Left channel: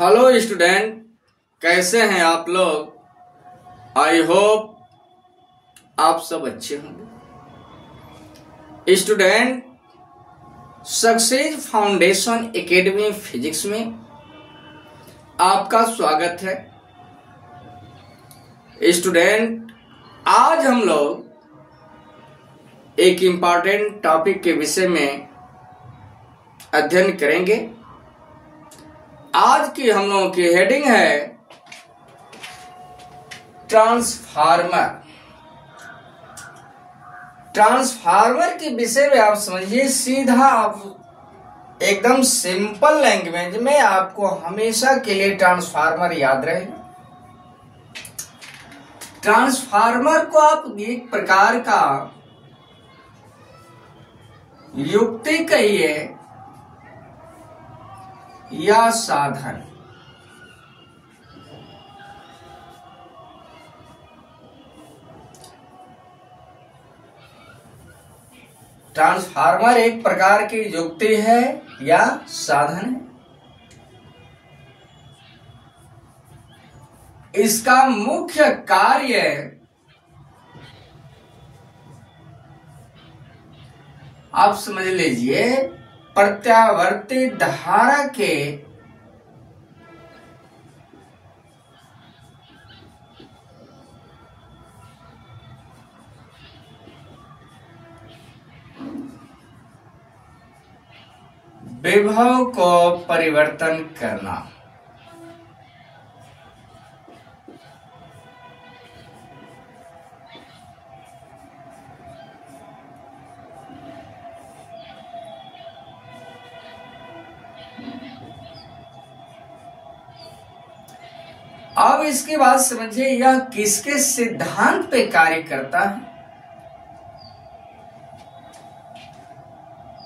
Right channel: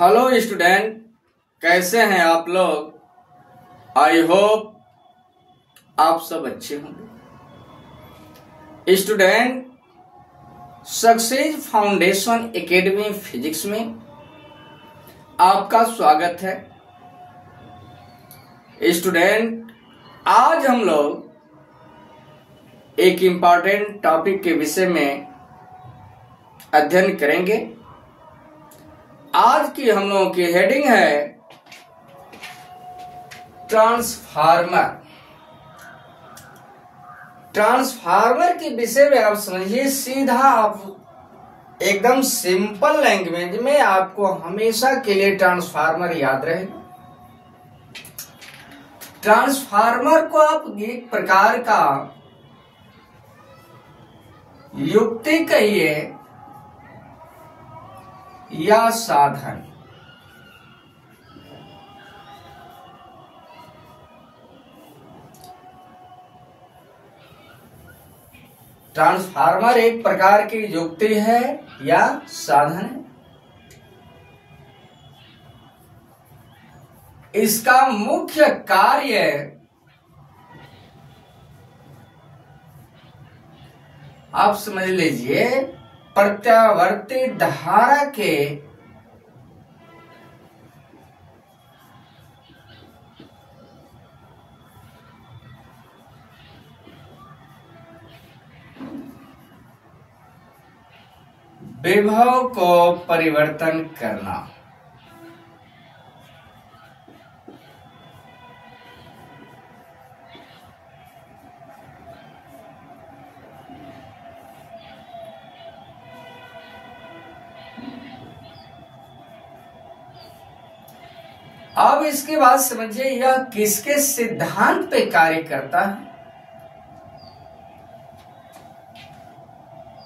Hello student, कैसे हैं आप लोग। आई होप आप सब अच्छे होंगे। Student, success foundation academy physics में आपका स्वागत है। स्टूडेंट, आज हम लोग एक इम्पॉर्टेंट टॉपिक के विषय में अध्ययन करेंगे। आज की हम लोगों की हेडिंग है ट्रांसफार्मर। ट्रांसफार्मर के विषय में आप समझिए, सीधा आप एकदम सिंपल लैंग्वेज में आपको हमेशा के लिए ट्रांसफार्मर याद रहेगा। ट्रांसफार्मर को आप एक प्रकार का युक्ति कहिए या साधन। ट्रांसफार्मर एक प्रकार की युक्ति है या साधन है। इसका मुख्य कार्य आप समझ लीजिए, प्रत्यावर्ती धारा के विभव को परिवर्तन करना। अब इसके बाद समझिए यह किसके सिद्धांत पे कार्य करता है।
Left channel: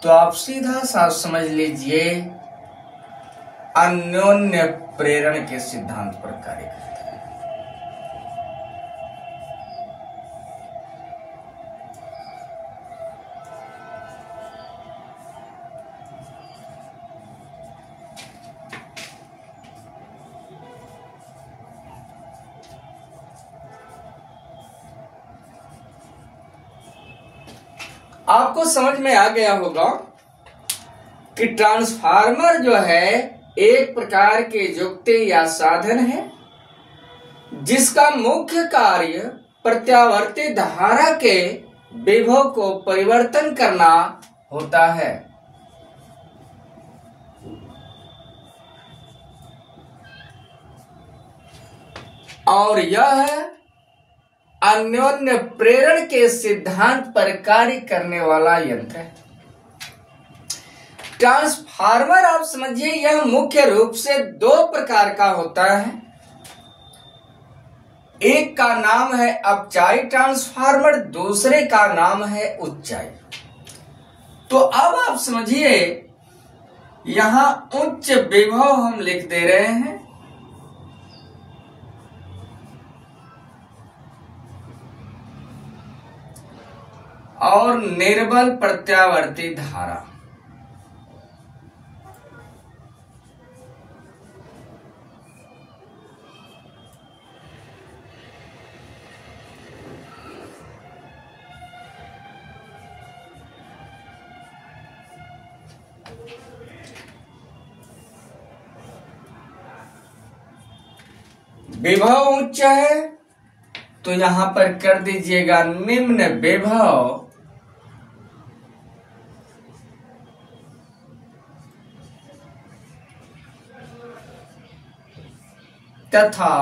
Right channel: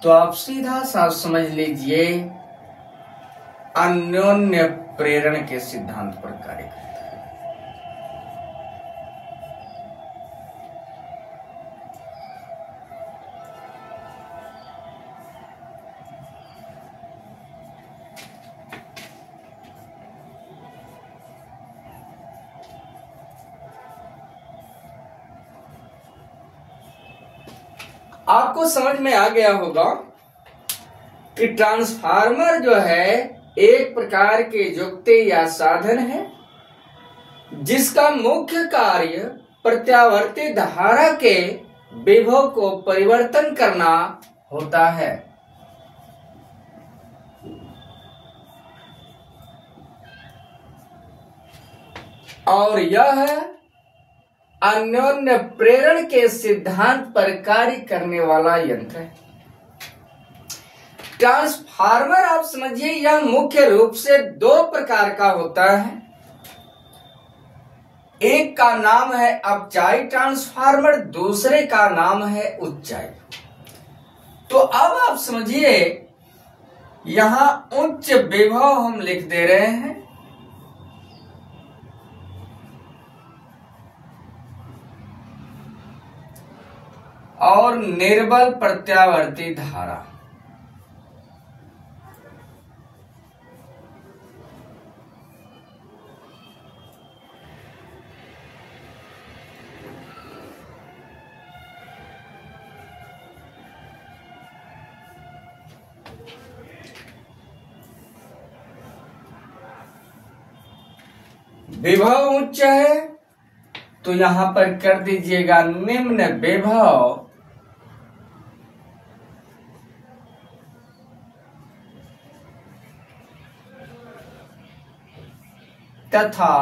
तो आप सीधा सा समझ लीजिए, अन्योन्य प्रेरण के सिद्धांत पर कार्य करता है। आपको समझ में आ गया होगा कि ट्रांसफार्मर जो है एक प्रकार की युक्ति या साधन है जिसका मुख्य कार्य प्रत्यावर्ती धारा के विभव को परिवर्तन करना होता है। और यह अन्योन्य प्रेरण के सिद्धांत पर कार्य करने वाला यंत्र है। ट्रांसफार्मर आप समझिए, यह मुख्य रूप से दो प्रकार का होता है। एक का नाम है अपचाई ट्रांसफार्मर, दूसरे का नाम है उच्चाई। तो अब आप समझिए, यहां उच्च विभव हम लिख दे रहे हैं और निर्बल प्रत्यावर्ती धारा। विभव उच्च है तो यहां पर कर दीजिएगा निम्न विभव तथा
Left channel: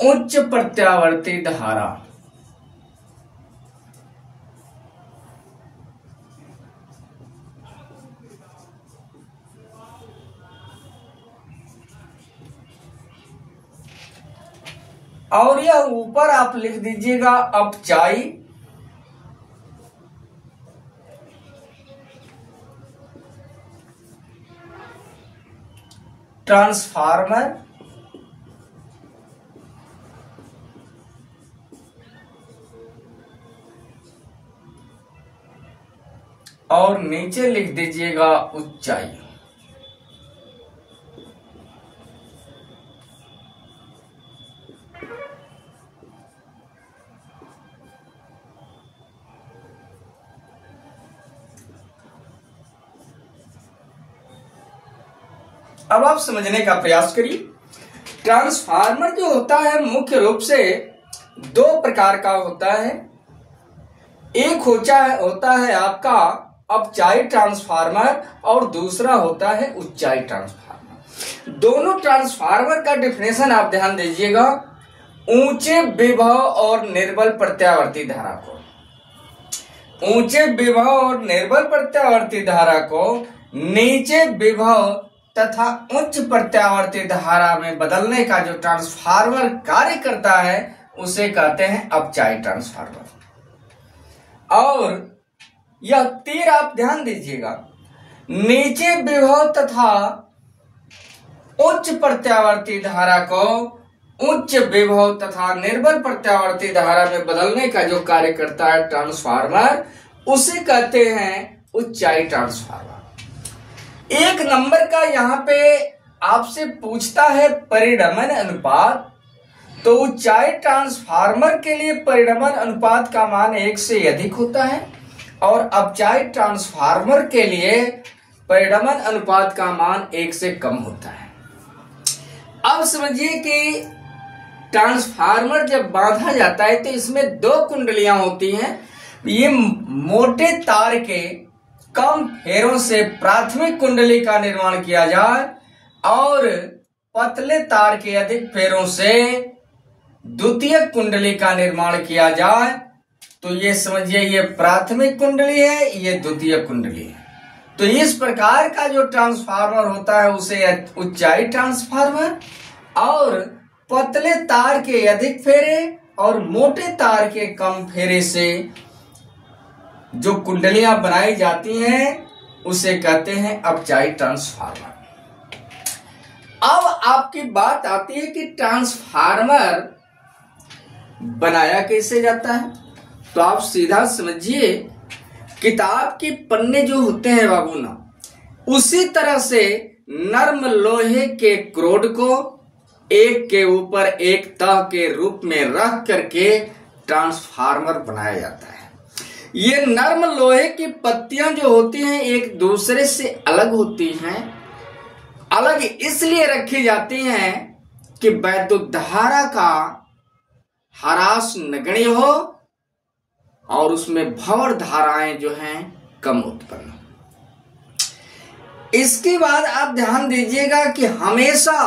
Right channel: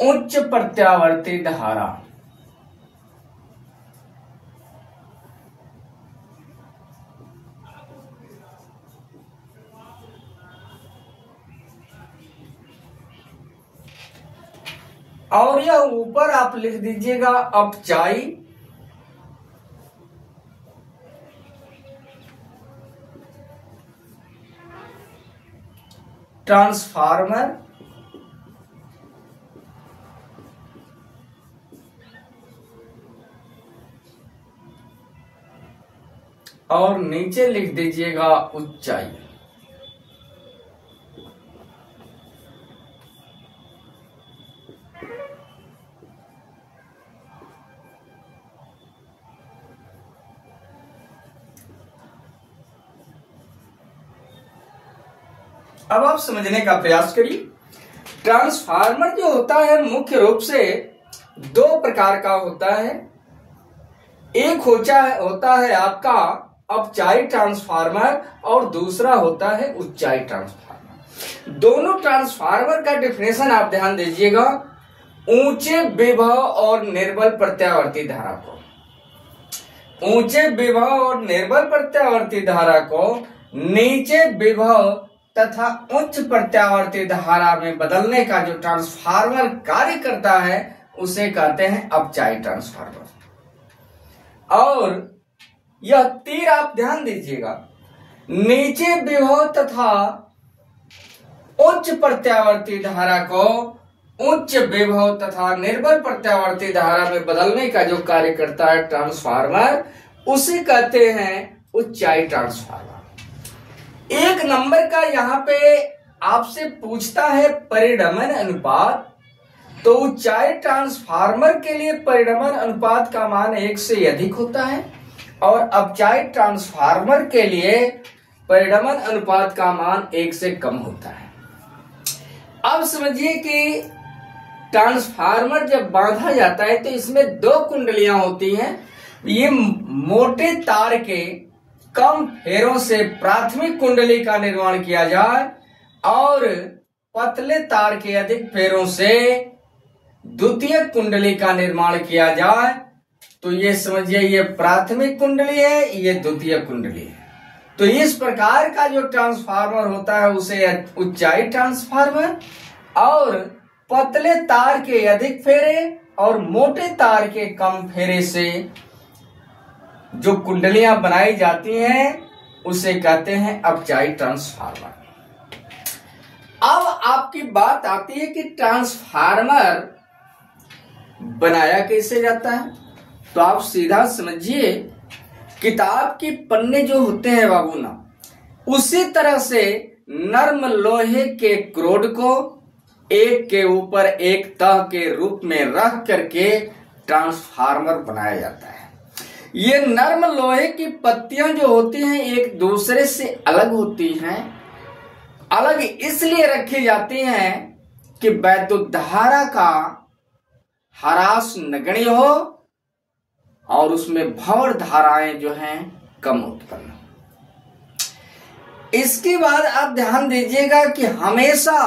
उच्च प्रत्यावर्ती धारा। और यह ऊपर आप लिख दीजिएगा अपचाई ट्रांसफार्मर और नीचे लिख दीजिएगा ऊंचाई। अब आप समझने का प्रयास करिए। ट्रांसफार्मर जो होता है मुख्य रूप से दो प्रकार का होता है। एक होता है आपका अपचाई ट्रांसफार्मर और दूसरा होता है उच्चाई ट्रांसफार्मर। दोनों ट्रांसफार्मर का डेफिनेशन आप ध्यान दीजिएगा। ऊंचे विभव और निर्बल प्रत्यावर्ती धारा को, ऊंचे विभव और निर्बल प्रत्यावर्ती धारा को नीचे विभव तथा उच्च प्रत्यावर्ती धारा में बदलने का जो ट्रांसफार्मर कार्य करता है उसे कहते हैं अपचाई ट्रांसफार्मर। और यह तीर आप ध्यान दीजिएगा, नीचे विभव तथा उच्च प्रत्यावर्ती धारा को उच्च विभव तथा निर्बल प्रत्यावर्ती धारा में बदलने का जो कार्य करता है ट्रांसफार्मर, उसे कहते हैं उच्चाई ट्रांसफार्मर। एक नंबर का यहाँ पे आपसे पूछता है परिणमन अनुपात, तो उच्चाई ट्रांसफार्मर के लिए परिणमन अनुपात का मान 1 से अधिक होता है और अपचाई ट्रांसफार्मर के लिए परिणमन अनुपात का मान 1 से कम होता है। अब समझिए कि ट्रांसफार्मर जब बांधा जाता है तो इसमें दो कुंडलियां होती हैं। ये मोटे तार के कम फेरों से प्राथमिक कुंडली का निर्माण किया जाए और पतले तार के अधिक फेरों से द्वितीय कुंडली का निर्माण किया जाए। तो ये समझिए ये प्राथमिक कुंडली है, ये द्वितीय कुंडली है। तो इस प्रकार का जो ट्रांसफार्मर होता है उसे उच्चाई ट्रांसफार्मर, और पतले तार के अधिक फेरे और मोटे तार के कम फेरे से जो कुंडलियां बनाई जाती हैं उसे कहते हैं अपचाई ट्रांसफार्मर। अब आपकी बात आती है कि ट्रांसफार्मर बनाया कैसे जाता है। तो आप सीधा समझिए, किताब के पन्ने जो होते हैं बाबू ना, उसी तरह से नर्म लोहे के क्रोड को एक के ऊपर एक तह के रूप में रख करके ट्रांसफार्मर बनाया जाता है। ये नर्म लोहे की पत्तियां जो होती हैं एक दूसरे से अलग होती हैं। अलग इसलिए रखी जाती हैं कि वैद्युत धारा का ह्रास नगण्य हो और उसमें भंवर धाराएं जो हैं कम उत्पन्न हो। इसके बाद आप ध्यान दीजिएगा कि हमेशा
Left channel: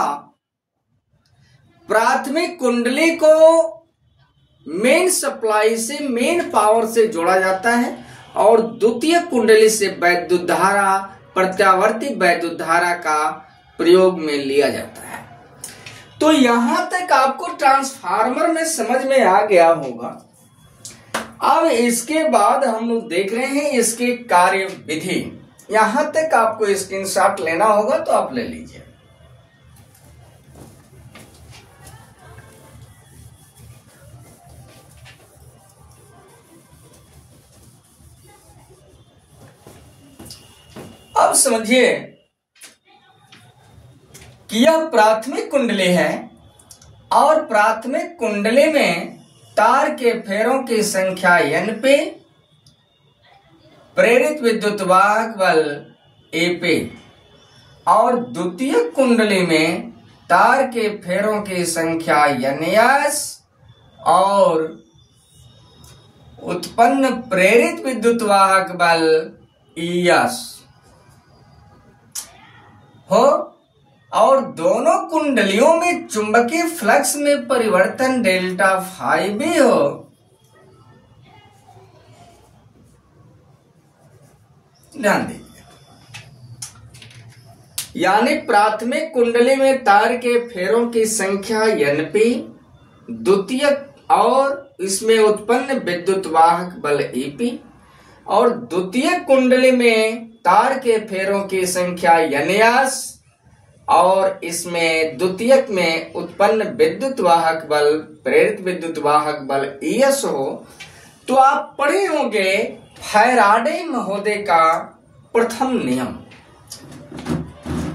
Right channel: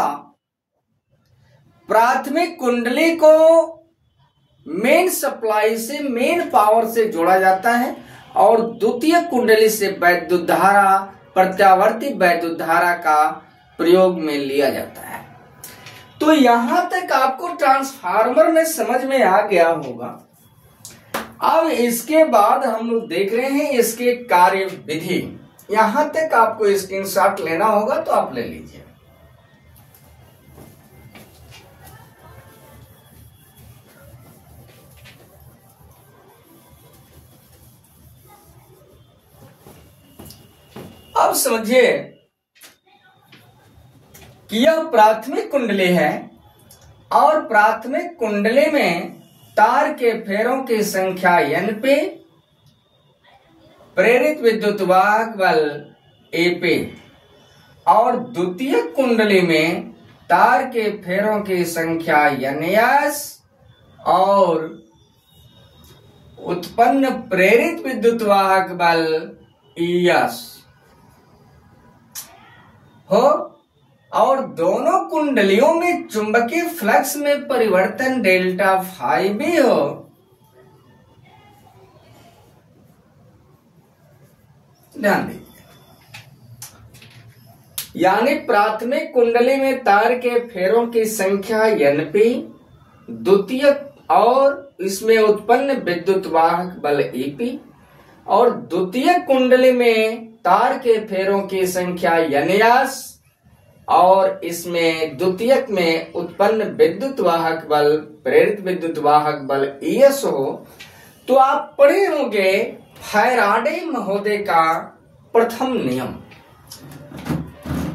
प्राथमिक कुंडली को मेन सप्लाई से, मेन पावर से जोड़ा जाता है और द्वितीय कुंडली से वैद्युत धारा, प्रत्यावर्ती वैद्युत धारा का प्रयोग में लिया जाता है। तो यहां तक आपको ट्रांसफार्मर में समझ में आ गया होगा। अब इसके बाद हम लोग देख रहे हैं इसके कार्य विधि। यहां तक आपको स्क्रीनशॉट लेना होगा तो आप ले लीजिए। अब समझिए कि यह प्राथमिक कुंडली है और प्राथमिक कुंडली में तार के फेरों की संख्या n पे, प्रेरित विद्युत वाहक बल A पे, और द्वितीय कुंडली में तार के फेरों की संख्या NS और उत्पन्न प्रेरित विद्युत वाहक बल ES हो, और दोनों कुंडलियों में चुंबकीय फ्लक्स में परिवर्तन डेल्टा फाई भी हो। ध्यान दीजिए, यानी प्राथमिक कुंडली में तार के फेरों की संख्या NP, द्वितीय और इसमें उत्पन्न विद्युत वाहक बल EP, और द्वितीय कुंडली में तार के फेरों की संख्या NS और इसमें द्वितीयक में उत्पन्न विद्युत वाहक बल, प्रेरित विद्युत वाहक बल ES हो। तो आप पढ़े होंगे फैराडे महोदय का प्रथम नियम।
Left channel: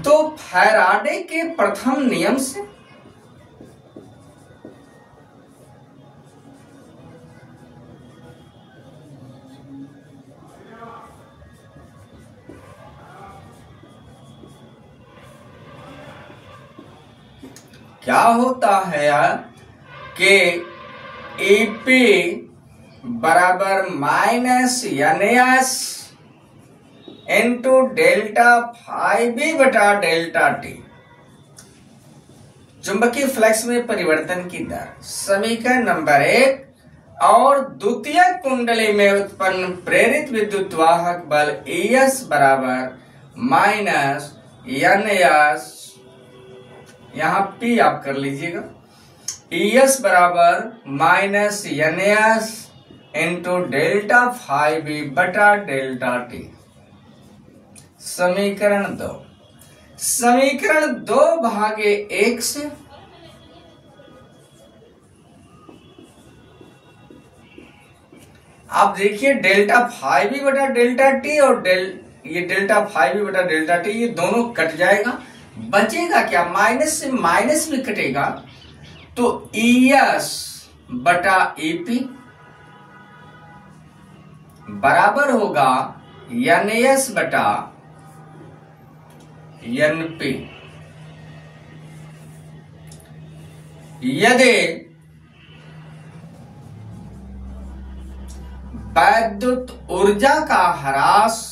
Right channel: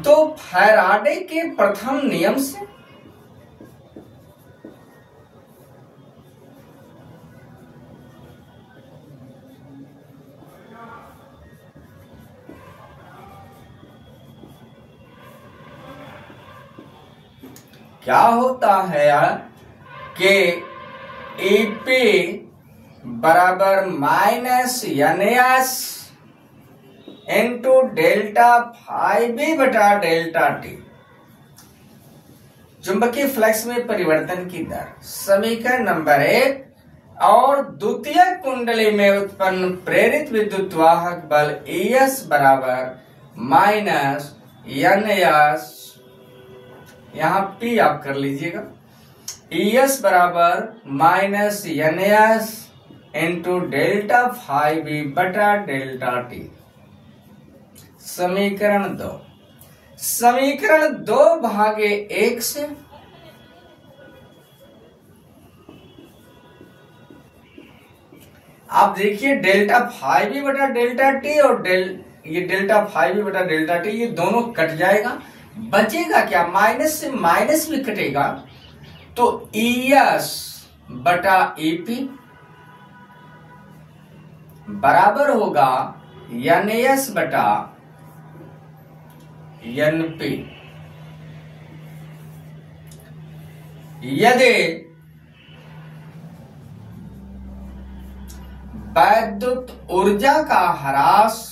तो फैराडे के प्रथम नियम से क्या होता है कि ईपी बराबर minus NS into delta phi B बटा डेल्टा टी। चुंबकीय फ्लक्स में परिवर्तन की दर समीकरण नंबर 1। और द्वितीय कुंडली में उत्पन्न प्रेरित विद्युत वाहक बल ES बराबर माइनस NS, यहां P आप कर लीजिएगा, ES बराबर minus NS into delta phi B बटा डेल्टा टी। समीकरण 2। समीकरण 2 भागे 1 से आप देखिए डेल्टा फाई बी बटा डेल्टा टी और ये डेल्टा फाई बी बटा डेल्टा टी ये दोनों कट जाएगा, बचेगा क्या, माइनस से माइनस भी कटेगा, तो ES बटा EP बराबर होगा NS बटा NP। यदि वैद्युत ऊर्जा का ह्रास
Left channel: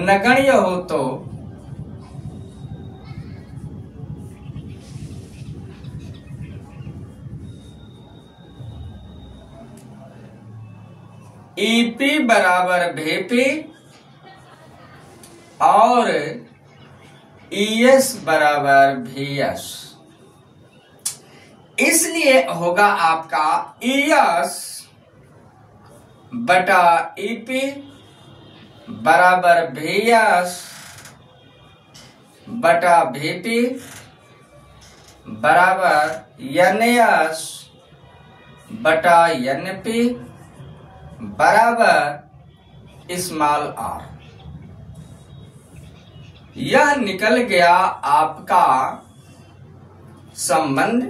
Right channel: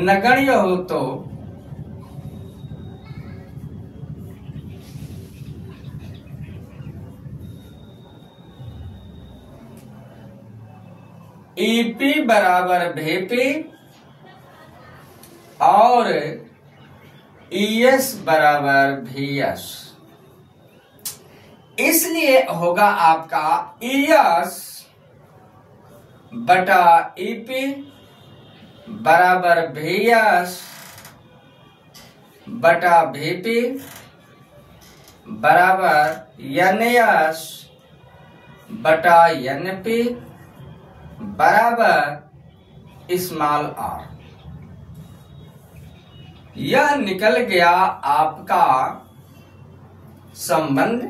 नगण्य हो तो EP बराबर VP और ES बराबर VS। इसलिए होगा आपका ES बटा EP बराबर VS बटा VP बराबर NS बटा NP बराबर स्मॉल r। यह निकल गया आपका संबंध।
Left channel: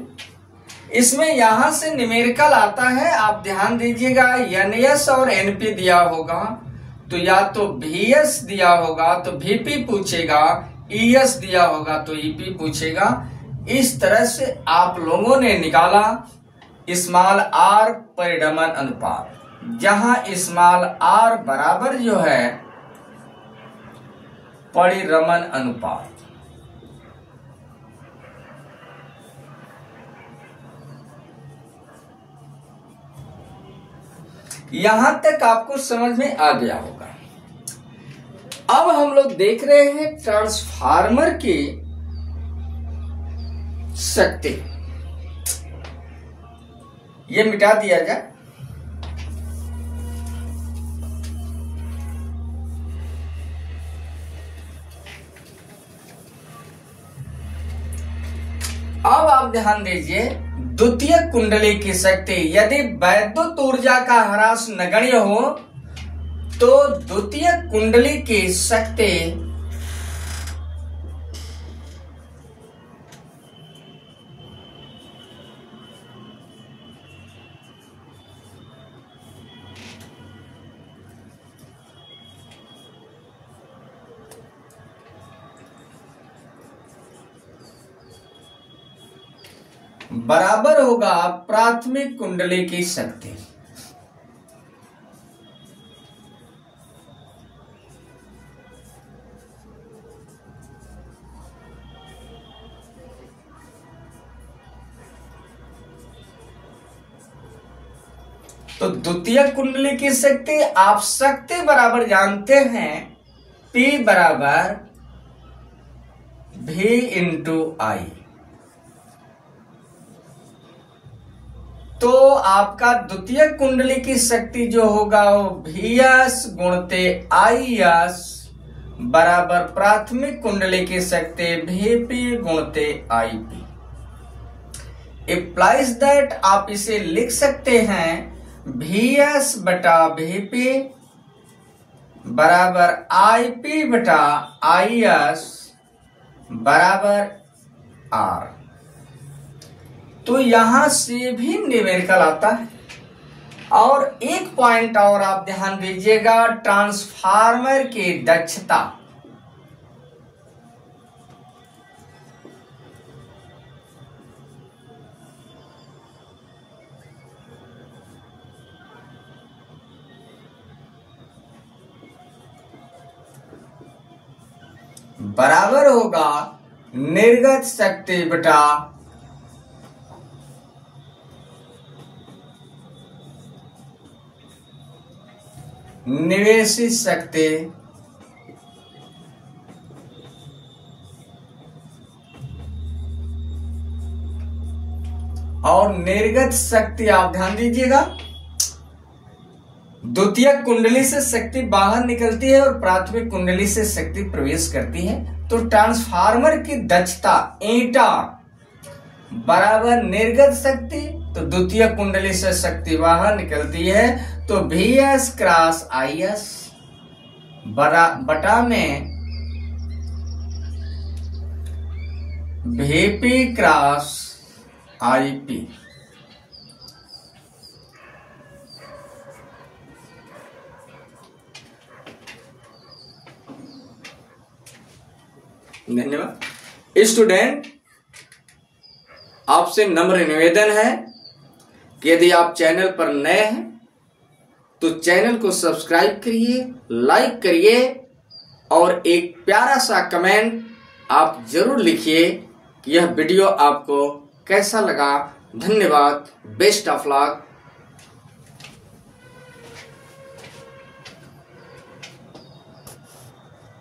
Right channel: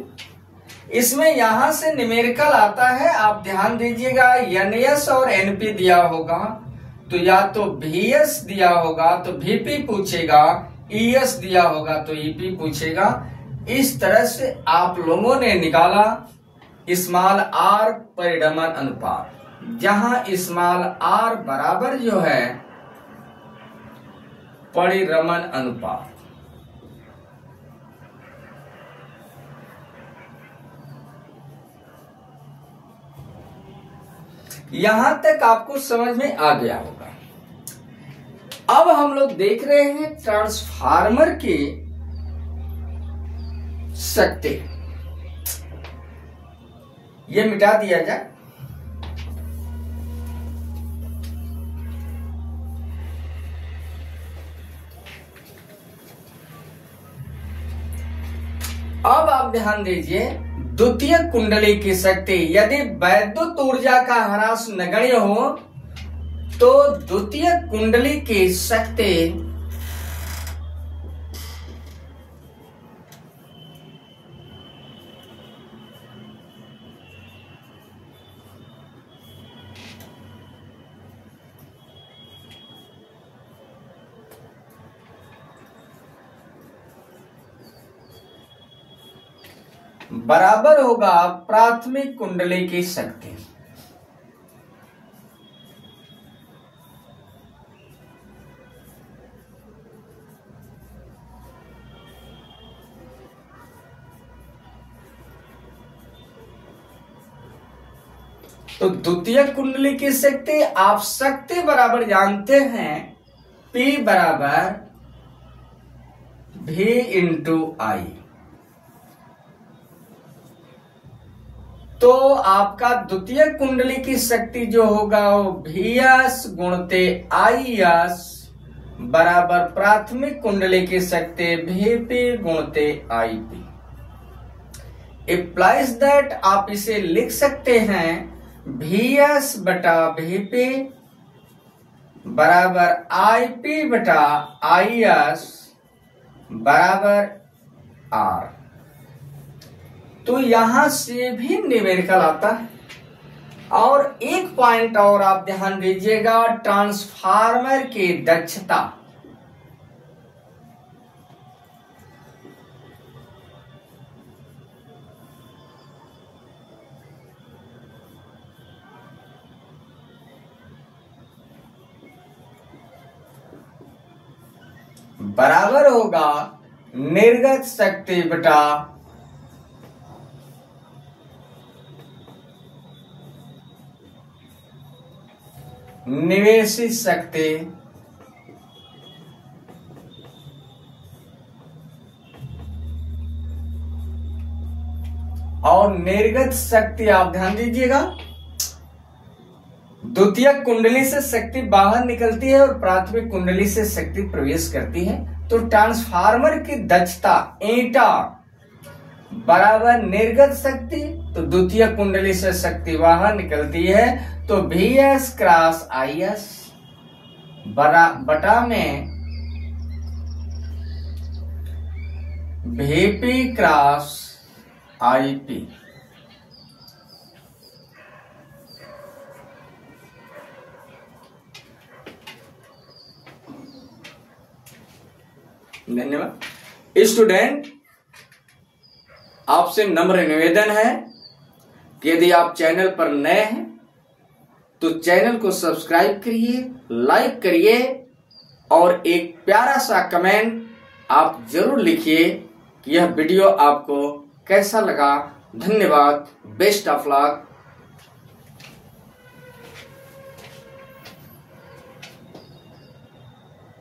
इसमें यहां से न्यूमेरिकल आता है, आप ध्यान दीजिएगा। NS और NP दिया होगा तो या तो VS दिया होगा तो VP पूछेगा, ES दिया होगा तो EP पूछेगा। इस तरह से आप लोगों ने निकाला स्मॉल r परिभ्रमण अनुपात, जहां स्मॉल r बराबर जो है परिभ्रमण अनुपात। यहां तक आपको समझ में आ गया होगा। अब हम लोग देख रहे हैं ट्रांसफार्मर की शक्ति। ये मिटा दिया जाए। अब आप ध्यान दीजिए, द्वितीय कुंडली की शक्ति, यदि वैद्युत ऊर्जा का ह्रास नगण्य हो तो द्वितीय कुंडली की शक्ति बराबर होगा प्राथमिक कुंडली की शक्ति। तो द्वितीय कुंडली की शक्ति आप शक्ति बराबर जानते हैं, P बराबर V इंटू I। तो आपका द्वितीय कुंडली की शक्ति जो होगा वो VS गुणते IS बराबर प्राथमिक कुंडली की शक्ति VP गुणते IP। इम्प्लाइज दैट आप इसे लिख सकते हैं VS बटा VP बराबर IP बटा IS बराबर R। तो यहां से भी न्यूमेरिकल आता है। और एक पॉइंट और आप ध्यान दीजिएगा, ट्रांसफार्मर की दक्षता। बराबर होगा निर्गत शक्ति बटा निवेशित शक्ति और निर्गत शक्ति। आप ध्यान दीजिएगा, द्वितीयक कुंडली से शक्ति बाहर निकलती है और प्राथमिक कुंडली से शक्ति प्रवेश करती है। तो ट्रांसफार्मर की दक्षता ईटा बराबर निर्गत शक्ति, तो द्वितीय कुंडली से शक्ति बाहर निकलती है, तो VS क्रॉस IS बटा में VP क्रॉस IP। धन्यवाद। स्टूडेंट, आपसे नम्र निवेदन है कि यदि आप चैनल पर नए हैं तो चैनल को सब्सक्राइब करिए, लाइक करिए और एक प्यारा सा कमेंट आप जरूर लिखिए कि यह वीडियो आपको कैसा लगा। धन्यवाद। Best of luck.